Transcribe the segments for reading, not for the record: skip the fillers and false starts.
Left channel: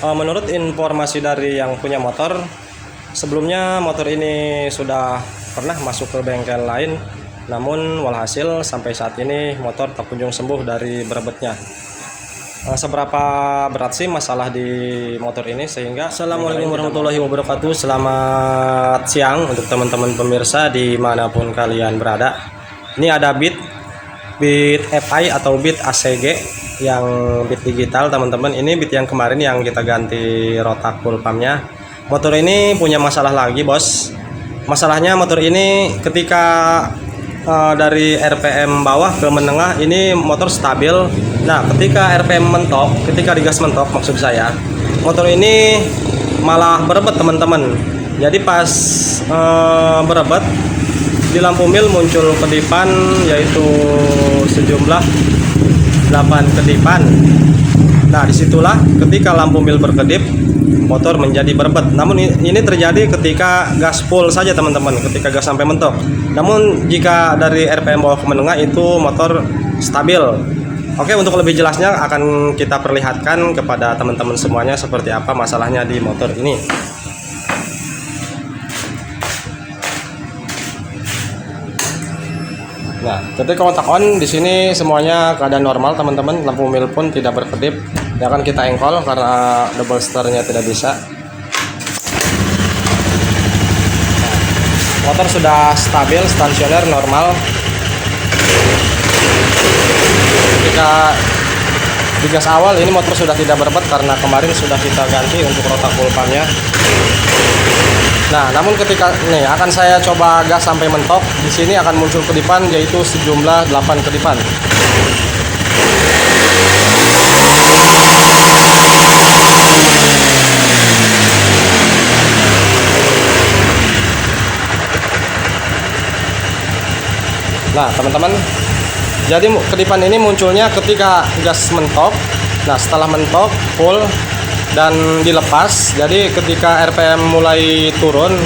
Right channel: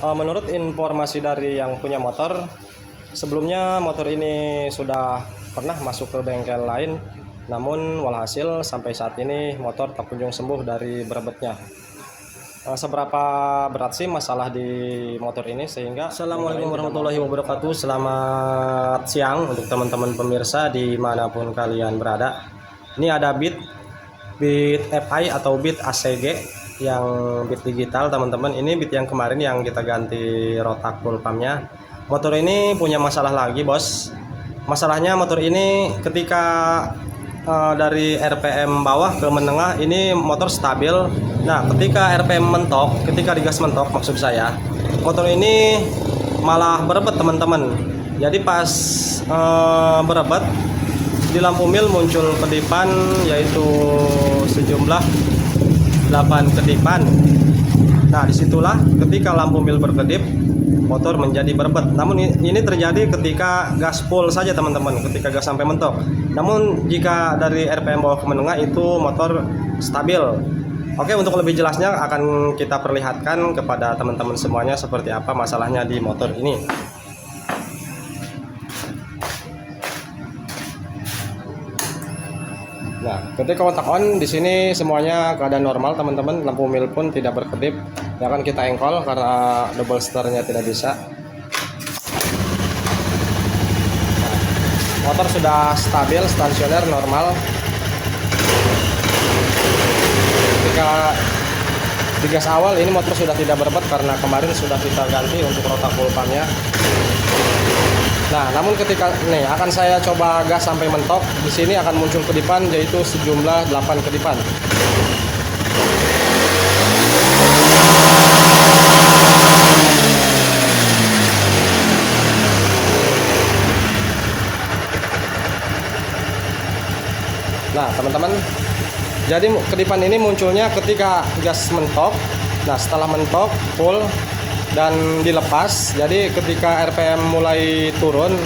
Menurut informasi dari yang punya motor, sebelumnya motor ini sudah pernah masuk ke bengkel lain, namun walhasil sampai saat ini motor tak kunjung sembuh dari berebetnya. Seberapa berat sih masalah di motor ini sehingga Assalamualaikum warahmatullahi wabarakatuh. Selamat siang untuk teman-teman pemirsa dimanapun kalian berada. Ini ada Beat FI atau Beat ACG yang Beat digital, teman-teman. Ini Beat yang kemarin yang kita ganti rotak full pumpnya. Motor ini punya masalah lagi, bos. Masalahnya motor ini ketika dari RPM bawah ke menengah ini motor stabil. Nah, ketika RPM mentok, ketika digas mentok maksud saya, motor ini malah berebet, teman-teman. Jadi pas berebet di lampu mil muncul kedipan, yaitu sejumlah 8 kedipan. Nah, disitulah ketika lampu mil berkedip motor menjadi berebet. Namun ini terjadi ketika gas full saja, teman-teman, ketika gas sampai mentok. Namun jika dari RPM bawah ke menengah itu motor stabil. Oke, untuk lebih jelasnya akan kita perlihatkan kepada teman-teman semuanya seperti apa masalahnya di motor ini. Nah, ketika kontak on di sini semuanya keadaan normal, teman-teman. Lampu mil pun tidak berkedip. Ya kan, kita engkol karena double starternya tidak bisa. Motor sudah stabil, stasioner, normal. Ketika di gas awal ini motor sudah tidak berebet karena kemarin sudah kita ganti untuk rotak full pumpnya. Nah, namun ketika nih akan saya coba gas sampai mentok, di sini akan muncul kedipan, yaitu sejumlah 8 kedipan. Nah, teman-teman, jadi kedipan ini munculnya ketika gas mentok. Nah, setelah mentok full dan dilepas, jadi ketika RPM mulai turun,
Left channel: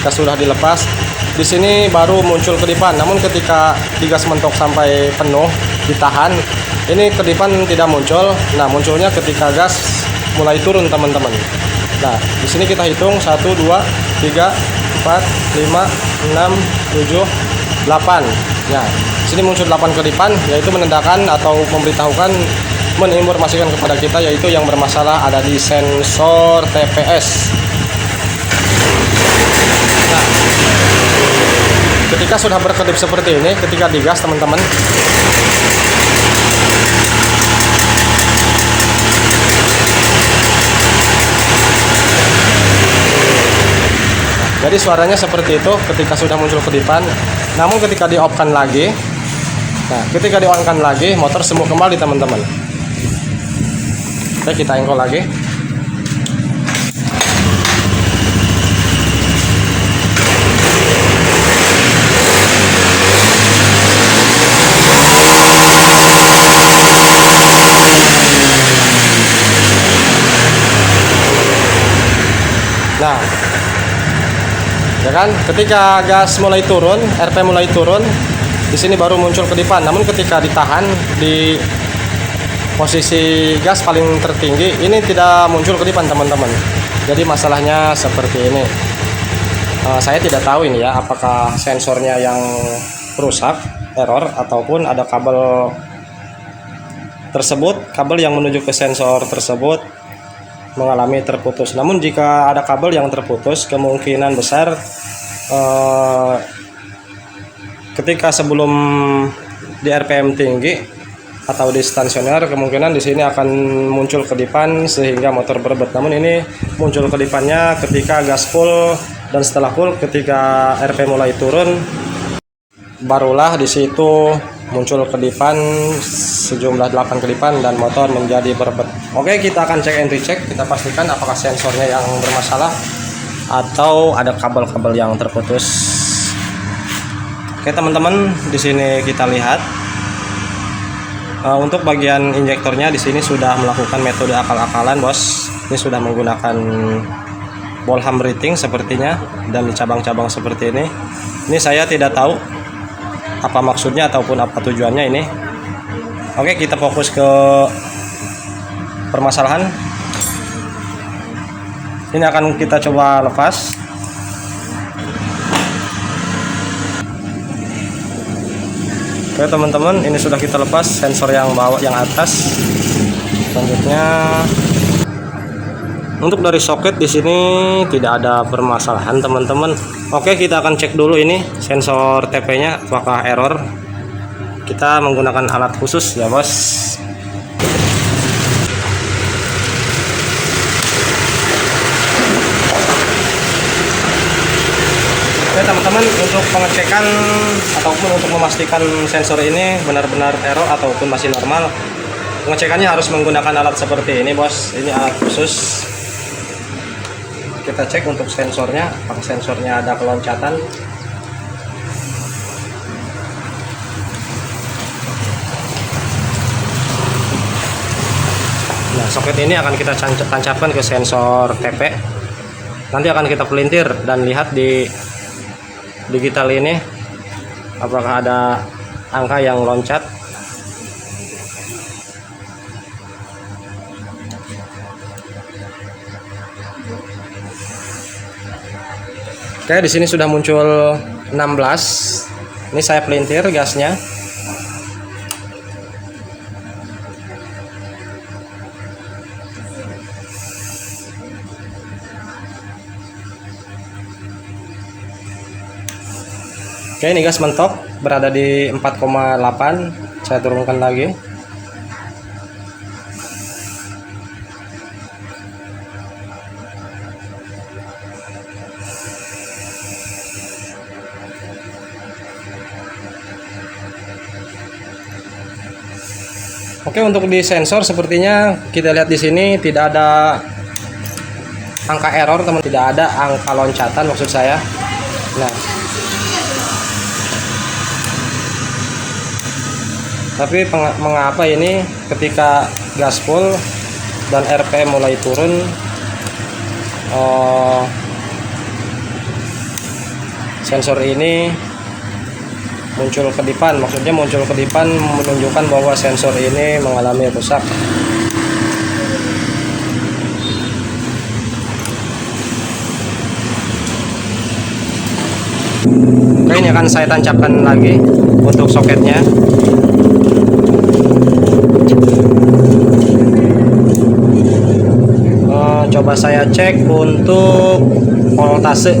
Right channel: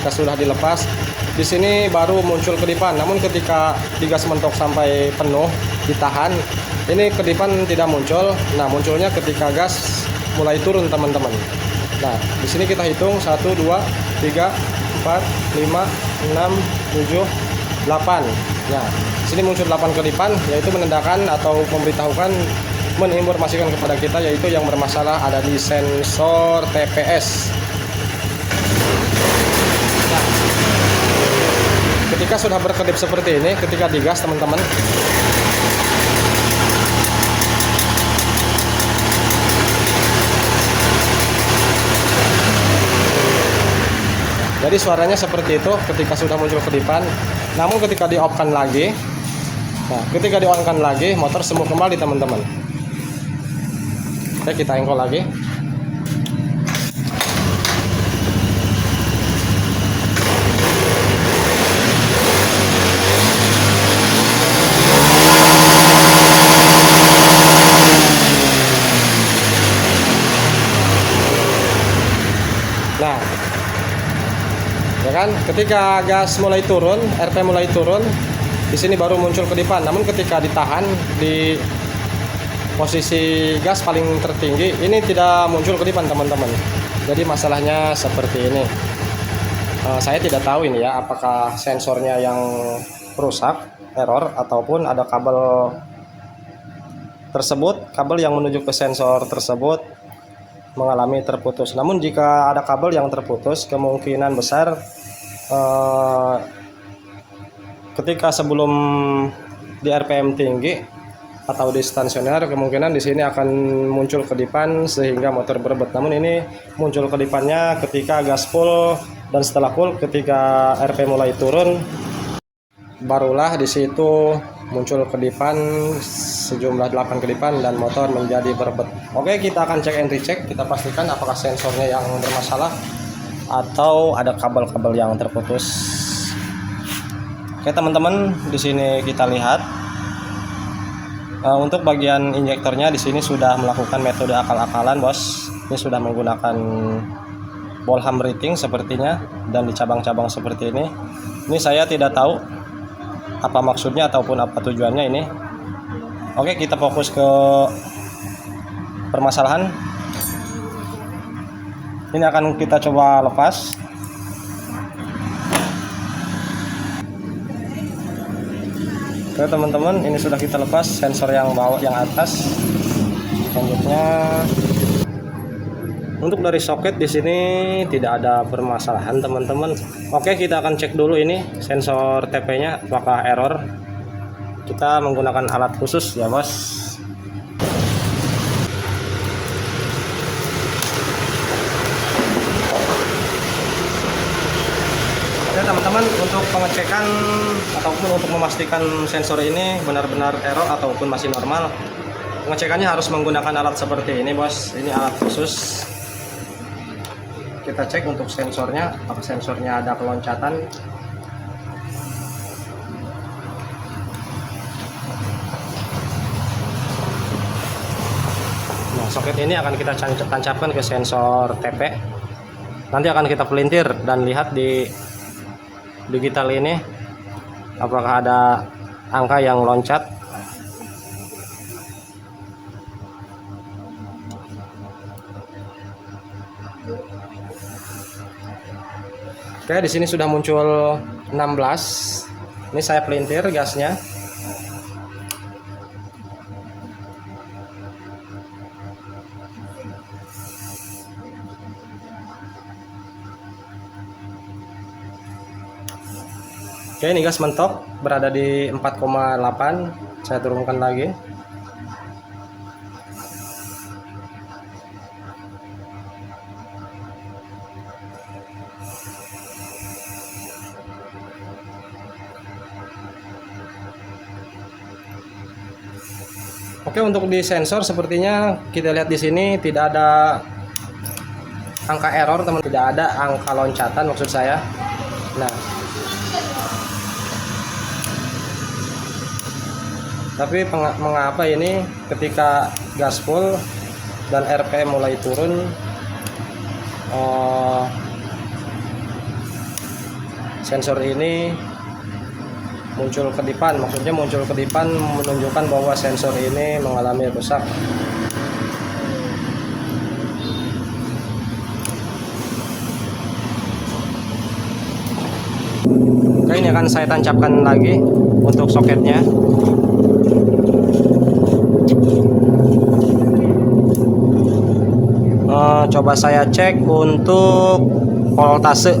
gas sudah dilepas, di sini baru muncul kedipan. Namun ketika gas mentok sampai penuh ditahan, ini kedipan tidak muncul. Nah, munculnya ketika gas mulai turun, teman-teman. Nah, di sini kita hitung 1 2 3 4 5 6 7 8. Nah, di sini muncul 8 kedipan, yaitu menandakan atau memberitahukan, menginformasikan kepada kita, yaitu yang bermasalah ada di sensor TPS. Nah, ketika sudah berkedip seperti ini, ketika digas, teman-teman, jadi suaranya seperti itu ketika sudah muncul kedipan. Namun ketika di off-kan lagi, nah, ketika di on-kan lagi, motor sembuh kembali, teman-teman. Oke, kita engkol lagi. Nah, ya kan, ketika gas mulai turun, RPM mulai turun, di sini baru muncul kedipan. Namun ketika ditahan di posisi gas paling tertinggi, ini tidak muncul kedipan, teman-teman. Jadi masalahnya seperti ini. Saya tidak tahu ini ya, apakah sensornya yang rusak, error, ataupun ada kabel tersebut, kabel yang menuju ke sensor tersebut mengalami terputus. Namun jika ada kabel yang terputus, kemungkinan besar ketika sebelum di RPM tinggi atau di stasioner, kemungkinan di sini akan muncul kedipan sehingga motor berebet. Namun ini muncul kedipannya ketika gas full, dan setelah full ketika RPM mulai turun, barulah di situ muncul kedipan sejumlah 8 kedipan dan motor menjadi berebet. Oke, kita akan cek and recheck, kita pastikan apakah sensornya yang bermasalah atau ada kabel-kabel yang terputus. Oke, teman-teman, di sini kita lihat untuk bagian injektornya di sini sudah melakukan metode akal-akalan, bos. Ini sudah menggunakan Bolham rating sepertinya, dan di cabang-cabang seperti ini. Ini saya tidak tahu apa maksudnya ataupun apa tujuannya ini. Oke, kita fokus ke permasalahan. Ini akan kita coba lepas. Oke teman-teman, ini sudah kita lepas sensor yang bawah, yang atas. Selanjutnya untuk dari soket di sini tidak ada permasalahan teman-teman. Oke, kita akan cek dulu ini sensor TP-nya apakah error. Kita menggunakan alat khusus ya bos. Teman-teman, untuk pengecekan ataupun untuk memastikan sensor ini benar-benar error ataupun masih normal, pengecekannya harus menggunakan alat seperti ini bos. Ini alat khusus. Kita cek untuk sensornya, apakah sensornya ada keloncatan. Nah, soket ini akan kita tancapkan ke sensor TP. Nanti akan kita pelintir dan lihat di digital ini apakah ada angka yang loncat. Oke, di sini sudah muncul 16. Ini saya pelintir gasnya. Oke, ini gas mentok berada di 4,8. Saya turunkan lagi. Oke, untuk di sensor sepertinya kita lihat di sini tidak ada angka error, teman, tidak ada angka loncatan maksud saya. Nah, tapi mengapa ini ketika gas full dan RPM mulai turun, sensor ini muncul kedipan, maksudnya muncul kedipan menunjukkan bahwa sensor ini mengalami rusak. Oke, ini akan saya tancapkan lagi untuk soketnya. Coba saya cek untuk voltase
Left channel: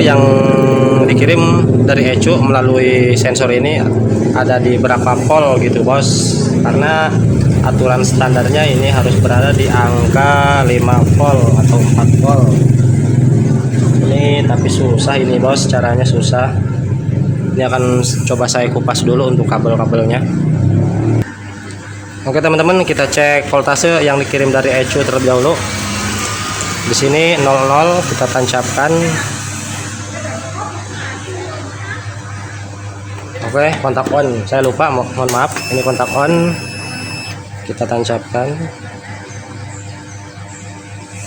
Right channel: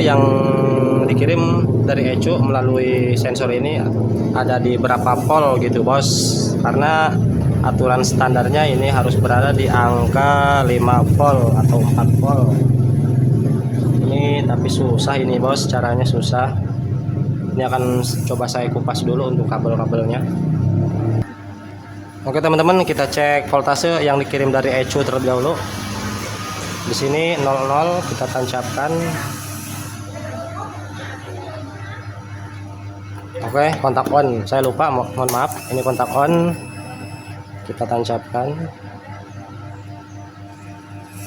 yang dikirim dari ECU melalui sensor ini ada di berapa volt gitu bos, karena aturan standarnya ini harus berada di angka 5 volt atau 4 volt. Ini tapi susah ini bos, caranya susah. Ini akan coba saya kupas dulu untuk kabel-kabelnya. Oke teman-teman, kita cek voltase yang dikirim dari ECU terlebih dahulu. Di sini 00 kita tancapkan. Oke, kontak on. Saya lupa, mohon maaf. Ini kontak on. Kita tancapkan.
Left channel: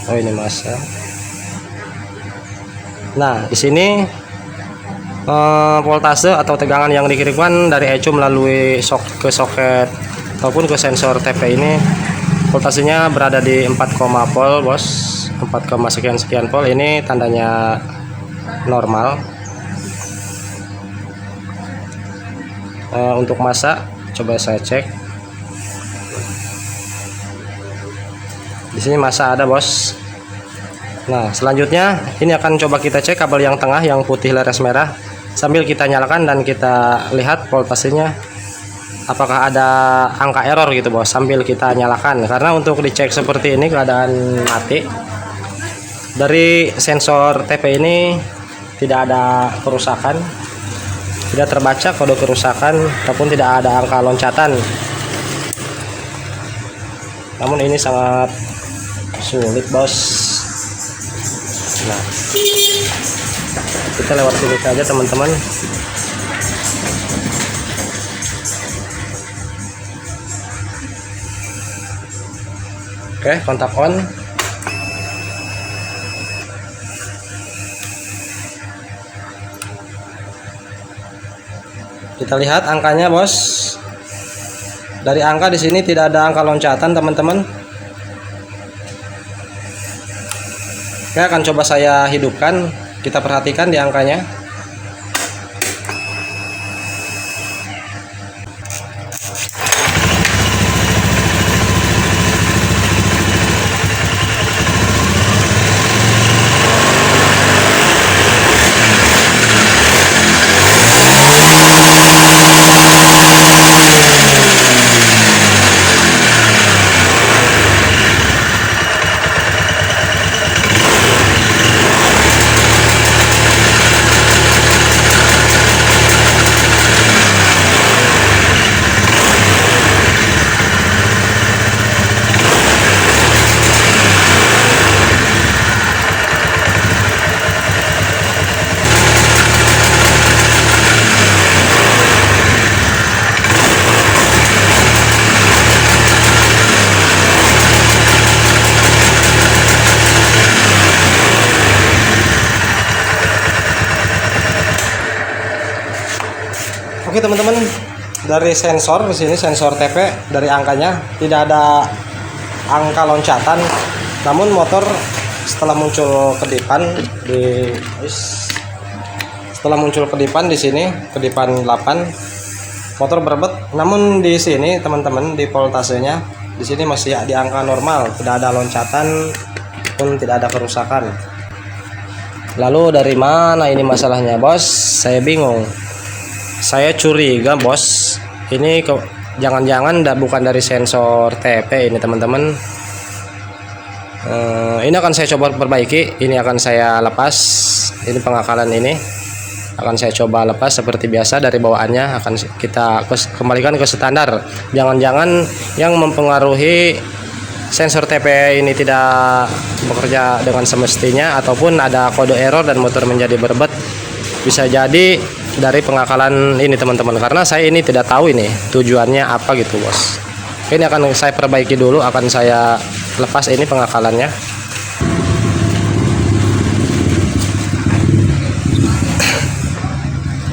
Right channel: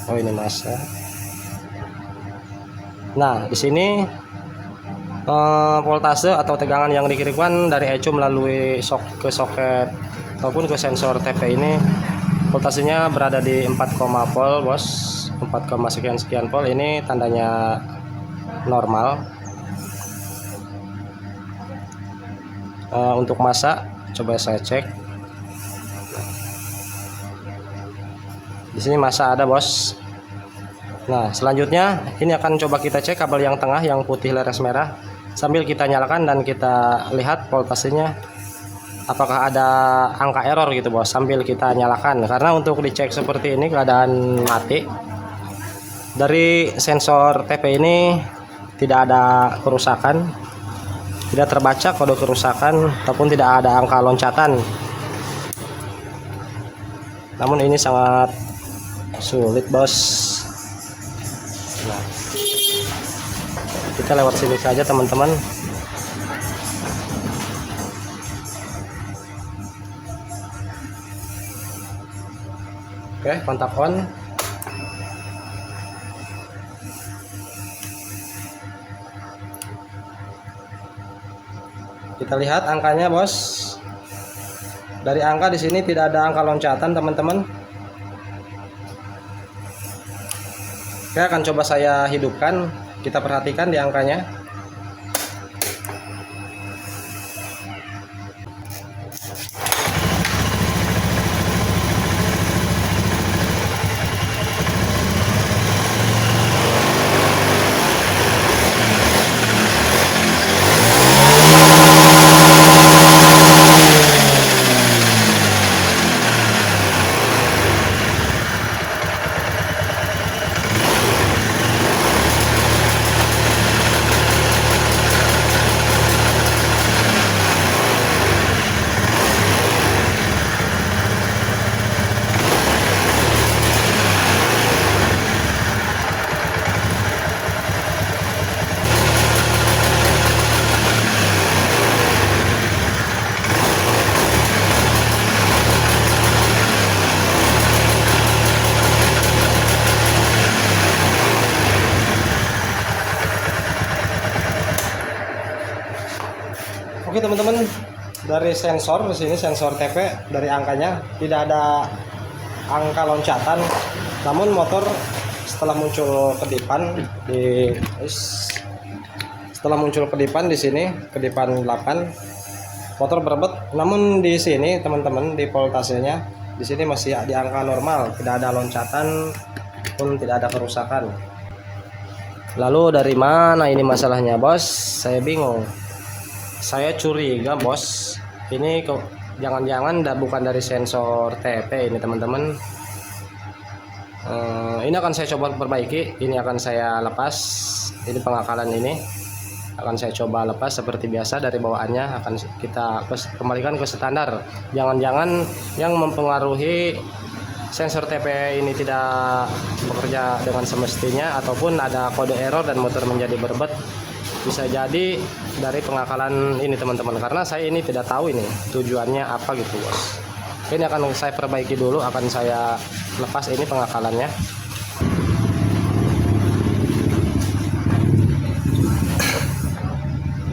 Oh, ini masa. Nah, di sini voltase atau tegangan yang dikirimkan dari ECU melalui ke soket ataupun ke sensor TP ini, voltasenya berada di 4, volt bos, 4, sekian volt. Ini tandanya normal. Untuk masa coba saya cek. Di sini masa ada bos. Nah, selanjutnya ini akan coba kita cek kabel yang tengah yang putih leres merah sambil kita nyalakan dan kita lihat voltasenya apakah ada angka error gitu bos, sambil kita nyalakan. Karena untuk dicek seperti ini keadaan mati, dari sensor TP ini tidak ada kerusakan, tidak terbaca kode kerusakan ataupun tidak ada angka loncatan. Namun ini sangat sulit bos. Nah, kita lewat sini saja teman-teman. Oke, kontak on. Kita lihat angkanya bos. Dari angka di sini tidak ada angka loncatan teman-teman. Oke, akan coba saya hidupkan. Kita perhatikan di angkanya. Oke teman-teman, dari sensor di sini, sensor TP, dari angkanya tidak ada angka loncatan, namun motor setelah muncul kedipan di sini, kedipan 8, motor berebet. Namun di sini teman-teman, di voltasenya di sini masih di angka normal, tidak ada loncatan pun tidak ada kerusakan. Lalu dari mana ini masalahnya, bos? Saya bingung. Saya curiga, bos, ini jangan-jangan bukan dari sensor TP ini teman-teman. Ini akan saya coba perbaiki. Ini akan saya lepas. Ini pengakalan ini akan saya coba lepas seperti biasa. Dari bawaannya akan kita kembalikan ke standar. Jangan-jangan yang mempengaruhi sensor TP ini tidak bekerja dengan semestinya, ataupun ada kode error dan motor menjadi berebet. Bisa jadi dari pengakalan ini teman-teman, karena saya ini tidak tahu ini tujuannya apa gitu, bos. Ini akan saya perbaiki dulu, akan saya lepas ini pengakalannya.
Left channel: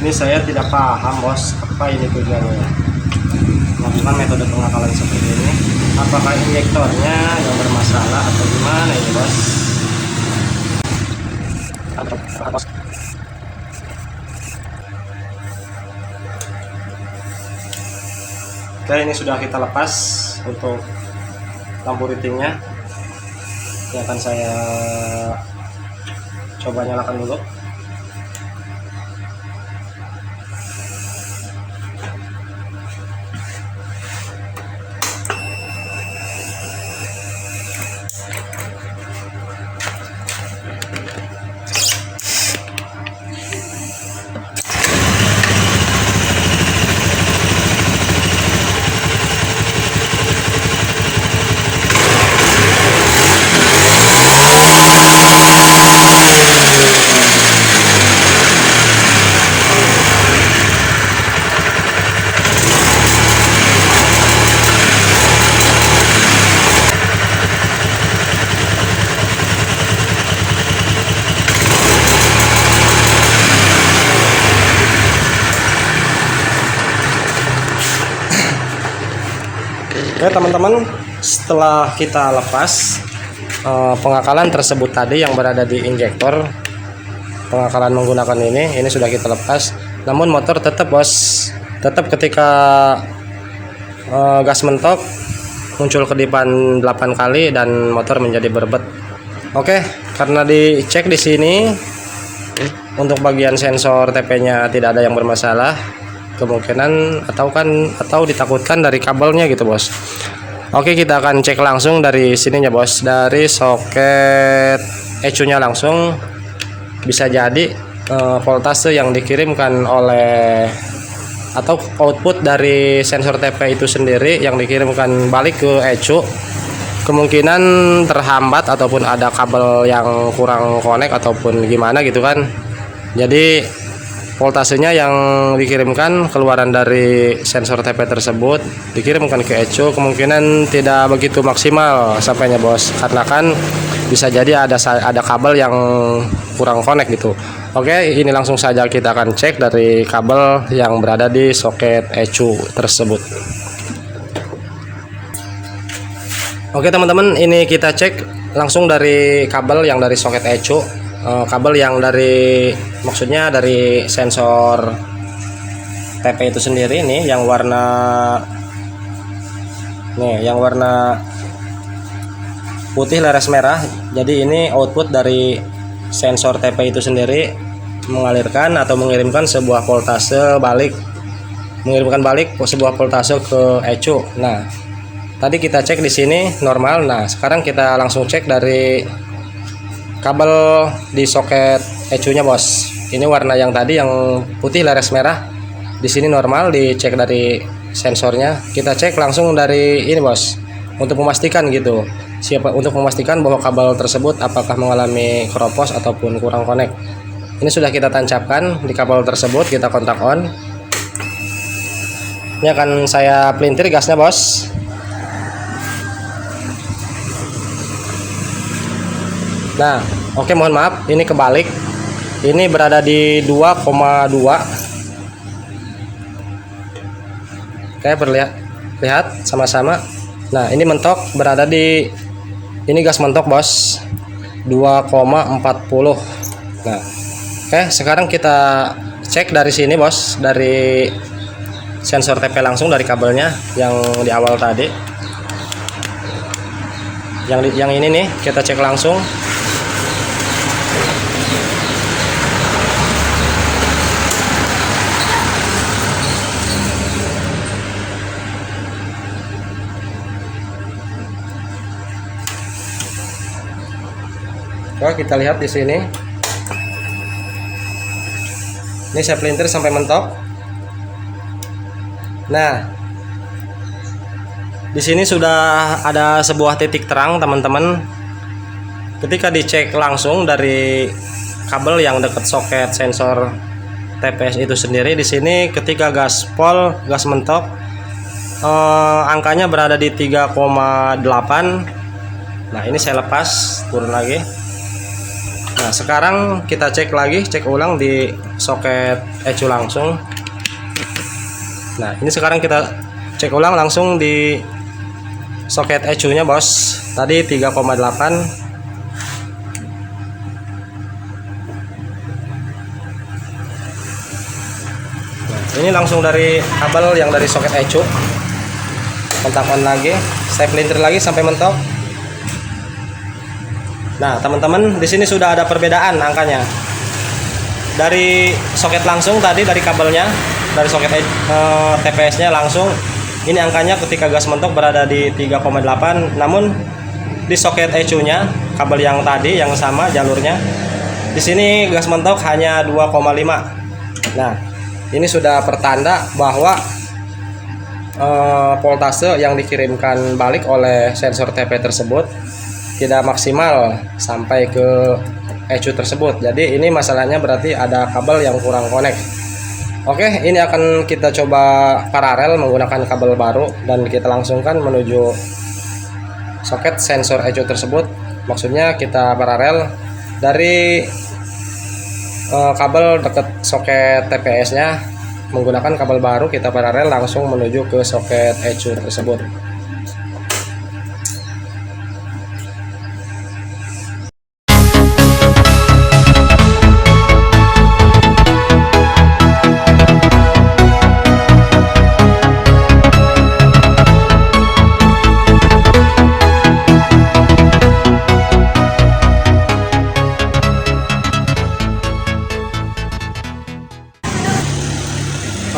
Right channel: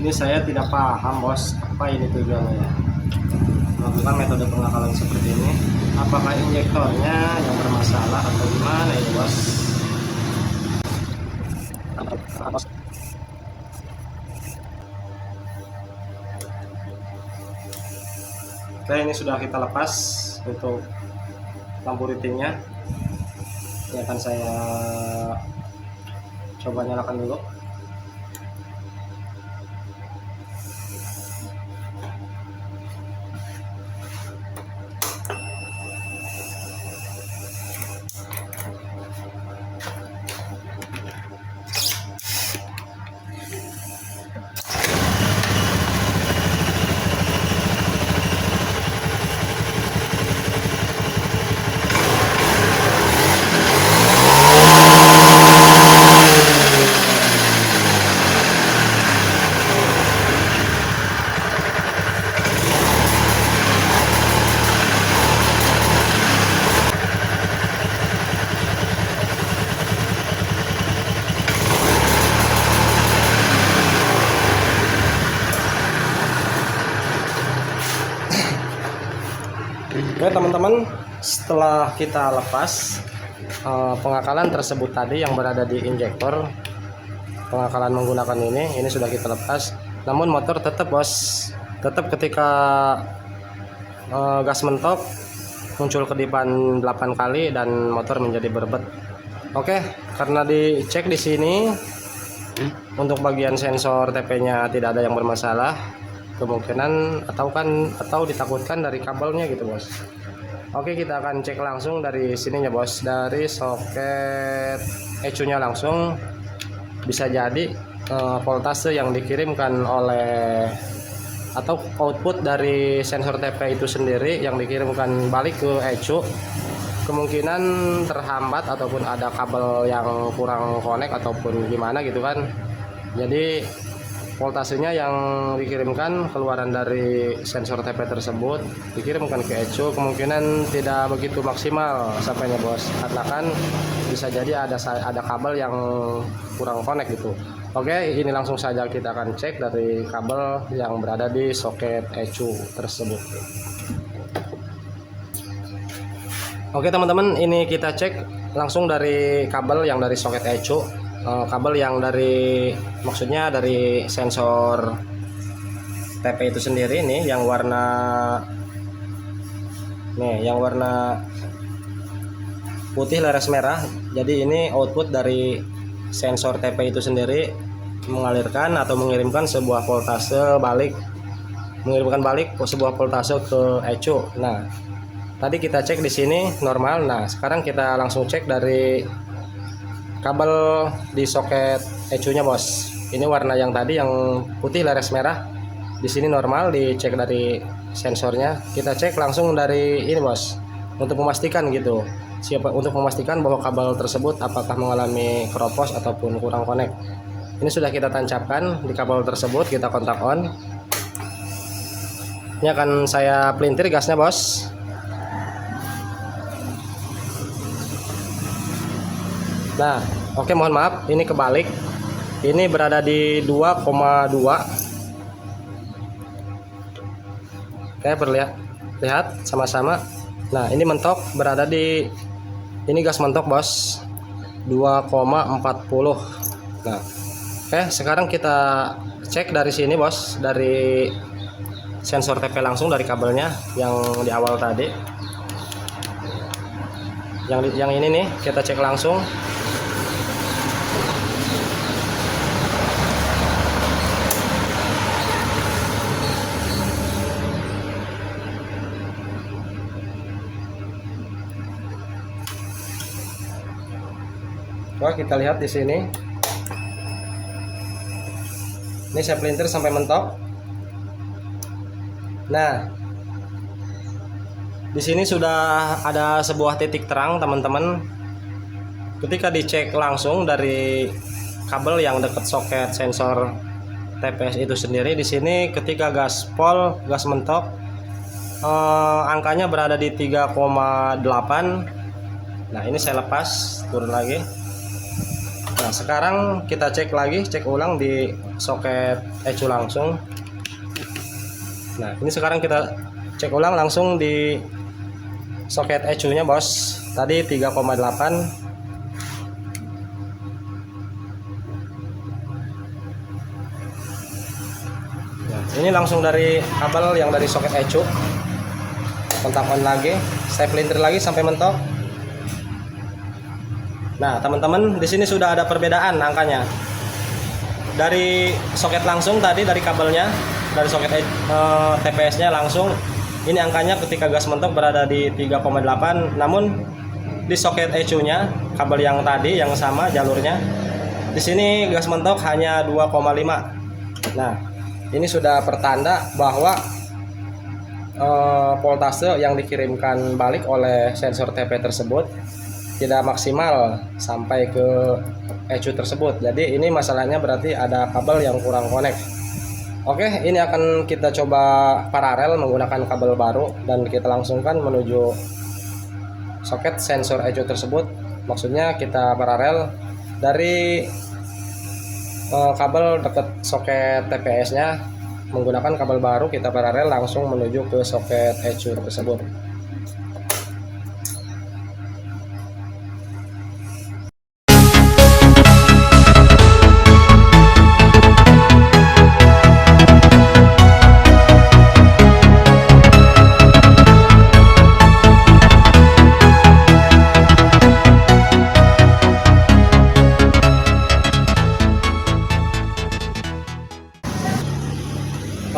Ini saya tidak paham, bos, apa ini tujuannya. Melakukan metode pengakalan seperti ini, apakah injektornya yang bermasalah atau gimana ini, bos? Oke, ini sudah kita lepas untuk lampu ritingnya. Ini akan saya coba nyalakan dulu. Oke teman-teman, setelah kita lepas pengakalan tersebut tadi yang berada di injektor, pengakalan menggunakan ini sudah kita lepas. Namun motor tetap, bos, tetap ketika gas mentok muncul kedipan 8 kali dan motor menjadi berebet. Oke, karena dicek di sini untuk bagian sensor TP-nya tidak ada yang bermasalah, kemungkinan atau ditakutkan dari kabelnya gitu, bos. Oke, kita akan cek langsung dari sininya, bos, dari soket ECU-nya langsung. Bisa jadi voltase yang dikirimkan oleh atau output dari sensor TP itu sendiri yang dikirimkan balik ke ECU kemungkinan terhambat ataupun ada kabel yang kurang connect ataupun gimana gitu kan. Jadi voltasenya yang dikirimkan keluaran dari sensor TP tersebut dikirimkan ke ECU kemungkinan tidak begitu maksimal sampainya, bos, karena kan bisa jadi ada kabel yang kurang connect gitu. Oke, ini langsung saja kita akan cek dari kabel yang berada di soket ECU tersebut. Oke teman-teman, ini kita cek langsung dari kabel yang dari soket ECU, kabel yang dari maksudnya dari sensor TP itu sendiri nih yang warna putih leres merah. Jadi ini output dari sensor TP itu sendiri mengalirkan atau mengirimkan sebuah voltase balik, sebuah voltase ke ECU. Nah, tadi kita cek di sini normal. Nah, sekarang kita langsung cek dari kabel di soket ECU-nya, Bos. Ini warna yang tadi yang putih leres merah. Di sini normal, dicek dari sensornya. Kita cek langsung dari ini, Bos. Untuk memastikan gitu. Untuk memastikan bahwa kabel tersebut apakah mengalami keropos ataupun kurang connect. Ini sudah kita tancapkan di kabel tersebut, kita kontak on. Ini akan saya pelintir gasnya, Bos. Nah, oke, mohon maaf, ini kebalik. Ini berada di 2,2. Oke, lihat sama-sama. Nah, ini mentok berada di ini gas mentok, Bos. 2,40. Nah, oke, sekarang kita cek dari sini, Bos, dari sensor TP langsung dari kabelnya yang di awal tadi. Yang ini nih, kita cek langsung. Coba kita lihat di sini. Ini saya pelintir sampai mentok. Nah, di sini sudah ada sebuah titik terang, teman-teman. Ketika dicek langsung dari kabel yang dekat soket sensor TPS itu sendiri, di sini ketika gaspol, gas mentok, angkanya berada di 3,8. Nah, ini saya lepas, turun lagi. Nah, sekarang kita cek ulang di soket ECU langsung. Nah, ini sekarang kita cek ulang langsung di soket ECU-nya, Bos. Tadi 3,8. Ini langsung dari kabel yang dari soket ECU. Kontak on lagi, saya pelintir lagi sampai mentok. Nah, teman-teman, di sini sudah ada perbedaan angkanya. Dari soket langsung tadi dari kabelnya, dari soket TPS-nya langsung, ini angkanya ketika gas mentok berada di 3,8. Namun di soket ECU-nya, kabel yang tadi yang sama jalurnya, di sini gas mentok hanya 2,5. Nah, ini sudah pertanda bahwa voltase yang dikirimkan balik oleh sensor TP tersebut tidak maksimal sampai ke ECU tersebut. Jadi ini masalahnya berarti ada kabel yang kurang connect. Oke, ini akan kita coba paralel menggunakan kabel baru dan kita langsungkan menuju soket sensor ECU tersebut. Maksudnya kita paralel dari kabel dekat soket TPS-nya, menggunakan kabel baru kita paralel langsung menuju ke soket ECU tersebut.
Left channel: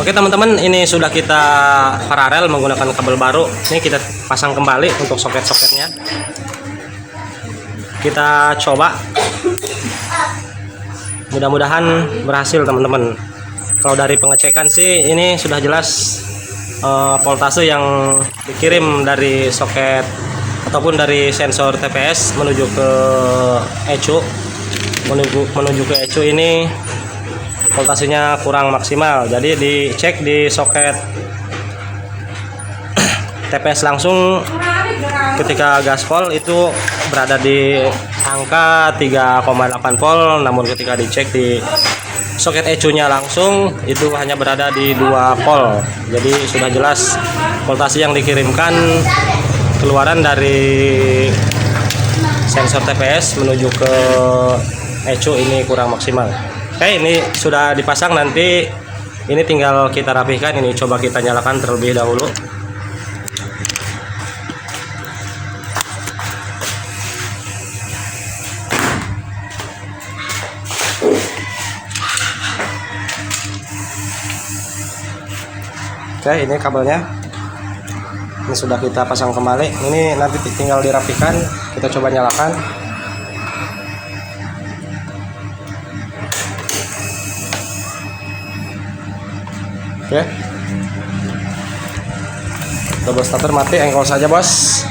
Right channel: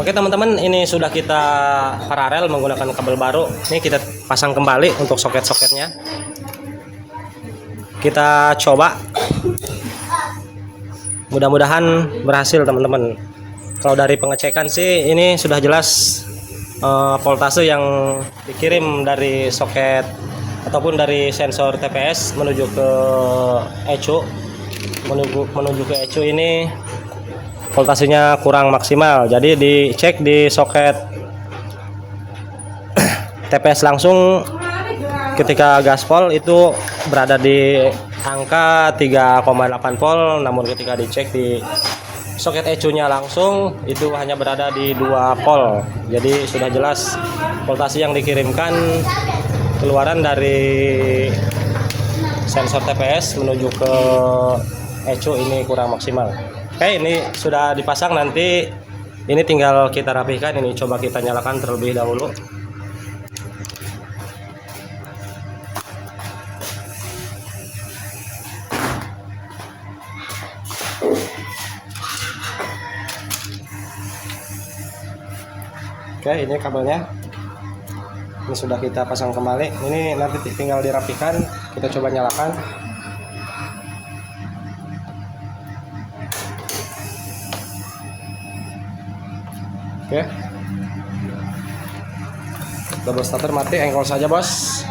Oke, teman-teman, ini sudah kita paralel menggunakan kabel baru. Ini kita pasang kembali untuk soket-soketnya. Kita coba. Mudah-mudahan berhasil, teman-teman. Kalau dari pengecekan sih ini sudah jelas voltase yang dikirim dari soket ataupun dari sensor TPS menuju ke ECU. Menuju ke ECU ini voltasenya kurang maksimal. Jadi dicek di soket TPS langsung ketika gaspol itu berada di angka 3,8 volt, namun ketika dicek di soket ECU-nya langsung itu hanya berada di 2 volt. Jadi sudah jelas voltase yang dikirimkan keluaran dari sensor TPS menuju ke ECU ini kurang maksimal. Oke, ini sudah dipasang, nanti ini tinggal kita rapihkan. Ini coba kita nyalakan terlebih dahulu. Oke, ini kabelnya. Ini sudah kita pasang kembali. Ini nanti tinggal dirapikan. Kita coba nyalakan. Oke. Double starter mati, engkol saja, bos.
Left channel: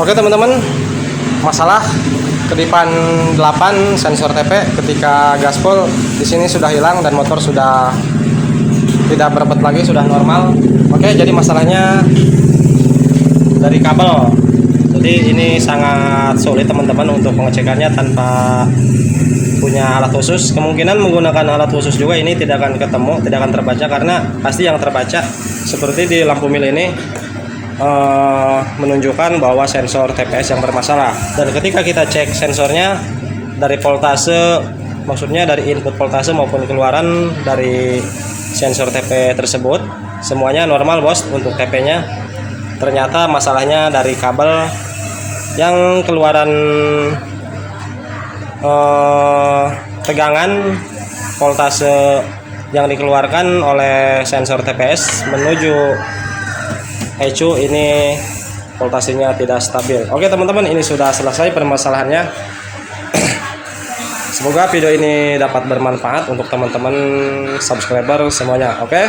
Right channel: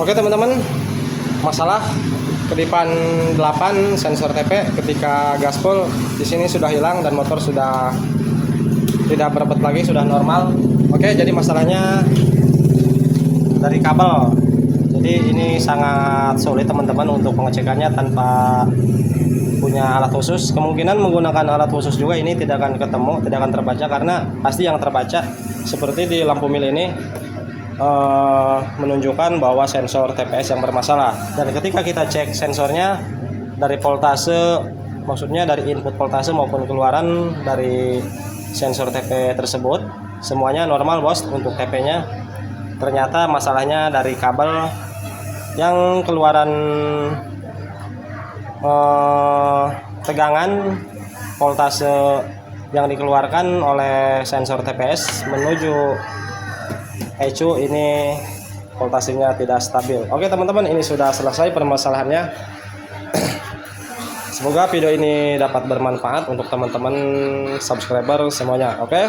Oke teman-teman, masalah kedipan 8 sensor TP ketika gaspol di sini sudah hilang dan motor sudah tidak berpet lagi, sudah normal. Oke, jadi masalahnya dari kabel. Jadi ini sangat sulit teman-teman untuk pengecekannya tanpa punya alat khusus. Kemungkinan menggunakan alat khusus juga ini tidak akan ketemu, tidak akan terbaca, karena pasti yang terbaca seperti di lampu mil ini menunjukkan bahwa sensor TPS yang bermasalah. Dan ketika kita cek sensornya dari voltase, maksudnya dari input voltase maupun keluaran dari sensor TP tersebut, semuanya normal bos untuk TP nya. Ternyata masalahnya dari kabel yang keluaran tegangan voltase yang dikeluarkan oleh sensor TPS menuju ECU ini voltasenya tidak stabil. Oke teman-teman, ini sudah selesai permasalahannya. Semoga video ini dapat bermanfaat untuk teman-teman subscriber semuanya. Oke,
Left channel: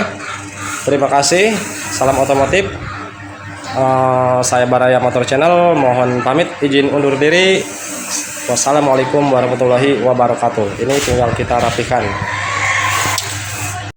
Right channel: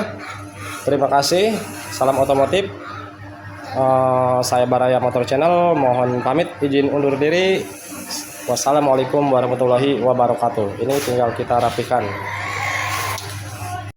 terima kasih. Salam otomotif. Saya Baraya Motor Channel mohon pamit, izin undur diri. Wassalamualaikum warahmatullahi wabarakatuh. Ini tinggal kita rapikan.